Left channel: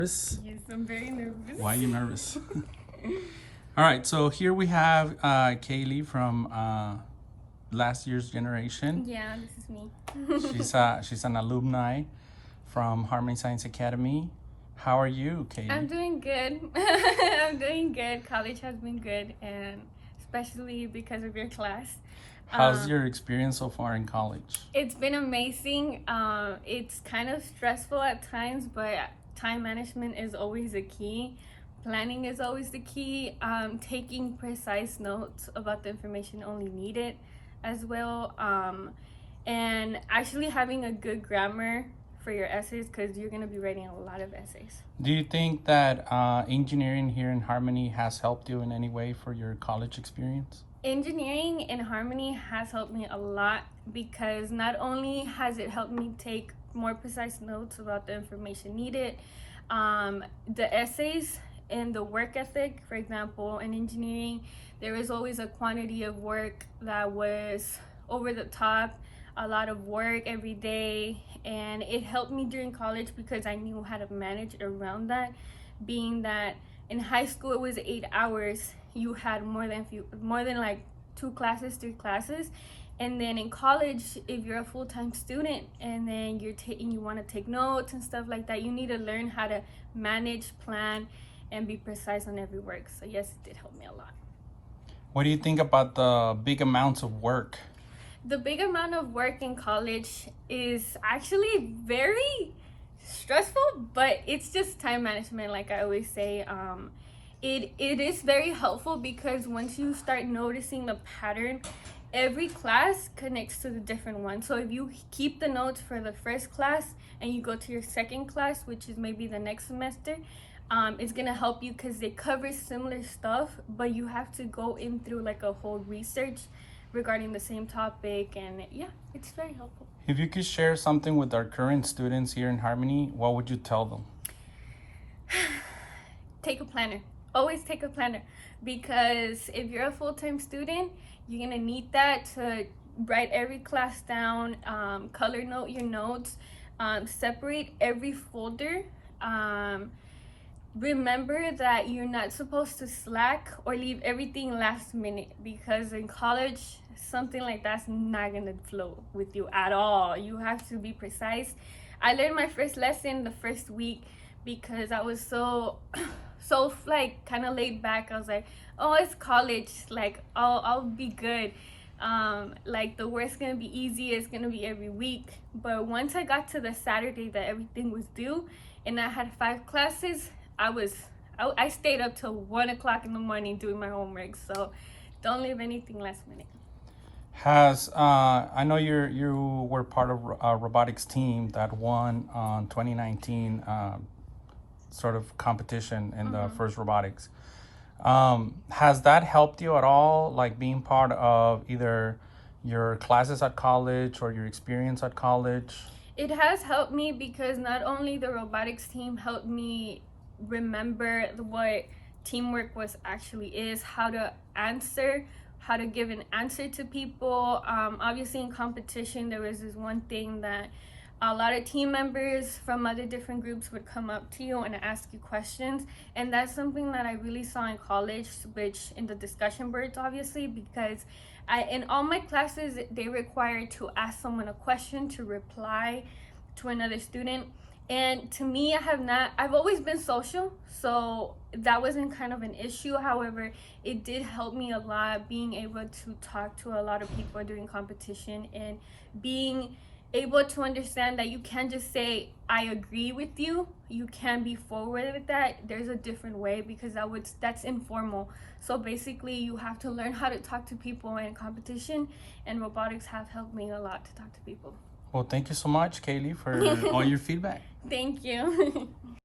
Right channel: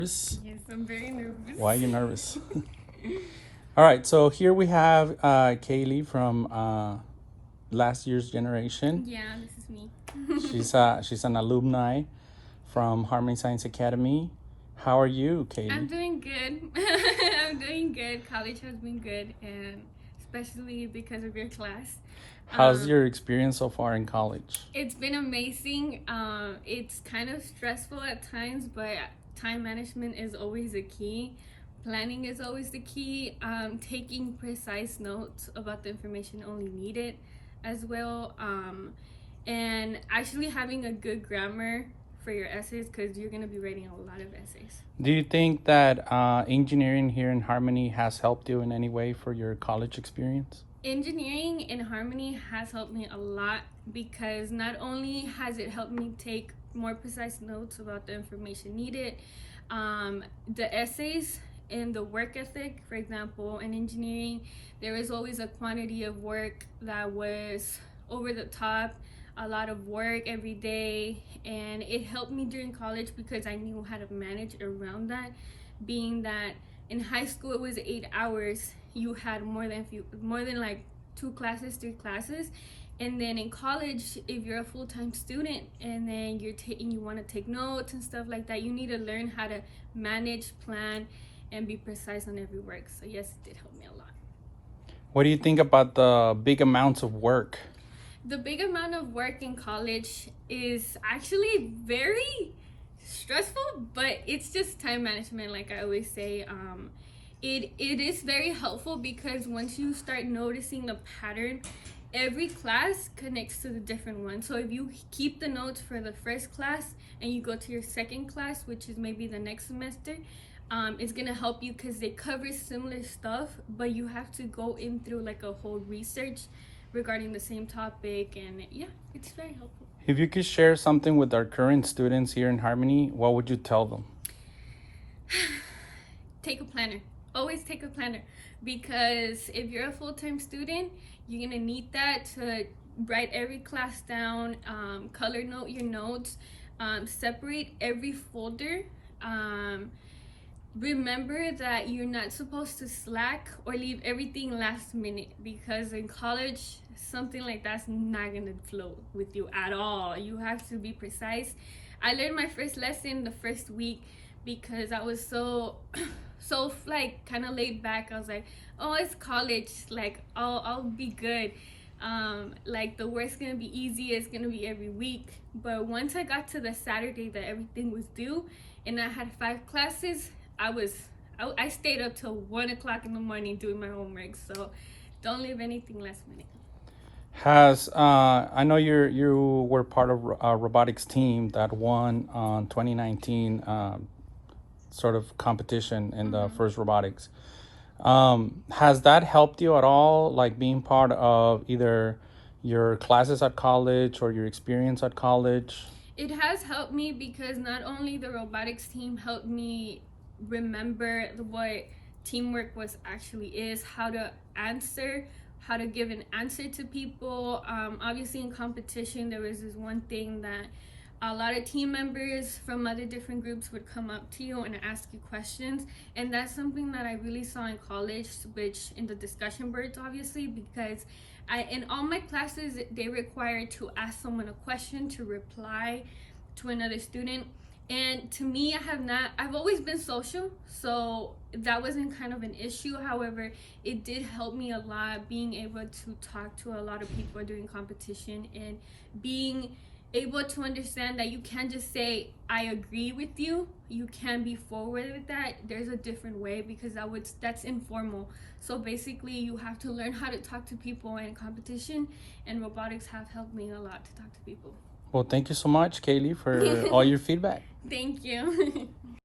Nervous? Yes, I'm very nervous. Why are you nervous? All right, so here we have Kayle from last year's generation. Yeah, this is me. She's an alumni from Harmony Science Academy. How are you, Kayle? I'm doing good. I'm doing good. College has been good, and especially because of your class. How's your experience so far in college? It's been amazing. It's kind of stressful at times, but time management is always the key. Planning is always the key. Taking precise notes about the information only needed as well. And actually having a good grammar for your essays, because you're going to be writing a lot of essays. Do you think that engineering here in Harmony has helped you in any way for your college experience? Engineering in Harmony has helped me a lot, because not only has it helped me take more precise notes about the information needed, the essays and the work ethic. For example, in engineering, there was always a quantity of work that was over the top, a lot of work every day, and it helped me during college because I knew how to manage around that, being that in high school it was 8 hours. You had more than like 2 classes, 3 classes, and then in college, if you're a full-time student and then you want to take notes and stuff like that, you need to learn how to manage, plan, and be precise on every work. So yes, it did help me a lot. What do you think about the big amounts of work? The big amount of work in college is actually very stressful, but it's just time management, like I always say. It is very helpful, because once you start noticing the pattern, every class connects to the different one. So if you keep the notes for the first class and you go to your second class, which is maybe the next semester, it's gonna help you because they cover similar stuff, but you have to go in through like a whole research regarding the same topic, and yeah, it's very helpful. If you could share something with our current students here in Harmony, what would you tell them? Take a planner. Always take a planner, because if you're a full-time student, you're gonna need that to write every class down, color note your notes, separate every folder. Remember that you're not supposed to slack or leave everything last minute, because in college something like that's not gonna flow with you at all. You have to be precise. I learned my first lesson the first week because I was so like kind of laid back. I was like, oh, it's college, like I'll be good. Like the work's gonna be easy, it's gonna be every week. But once I got to the Saturday that everything was due and I had 5 classes, I stayed up till 1 o'clock in the morning doing my homework. So don't leave anything last minute. I know you were part of a robotics team that won 2019 sort of competition in the first robotics. Has that helped you at all, like being part of either your classes at college or your experience at college? It has helped me, because not only the robotics team helped me remember what teamwork is, how to give an answer to people. Obviously in competition, there was this one thing that a lot of team members from other different groups would come up to you and ask you questions, and that's something that I really saw in college, which in the discussion boards, obviously, because in all my classes they required to ask someone a question to reply to another student. And to me, I've always been social, so that wasn't kind of an issue. However, it did help me a lot being able to talk to a lot of people during competition, and being able to understand that you can't just say I agree with you. You can be forward with that. There's a different way, because that's informal. So basically you have to learn how to talk to people in competition, and robotics have helped me a lot to talk to people. Well, thank you so much, Kayle, for all your feedback. Thank you.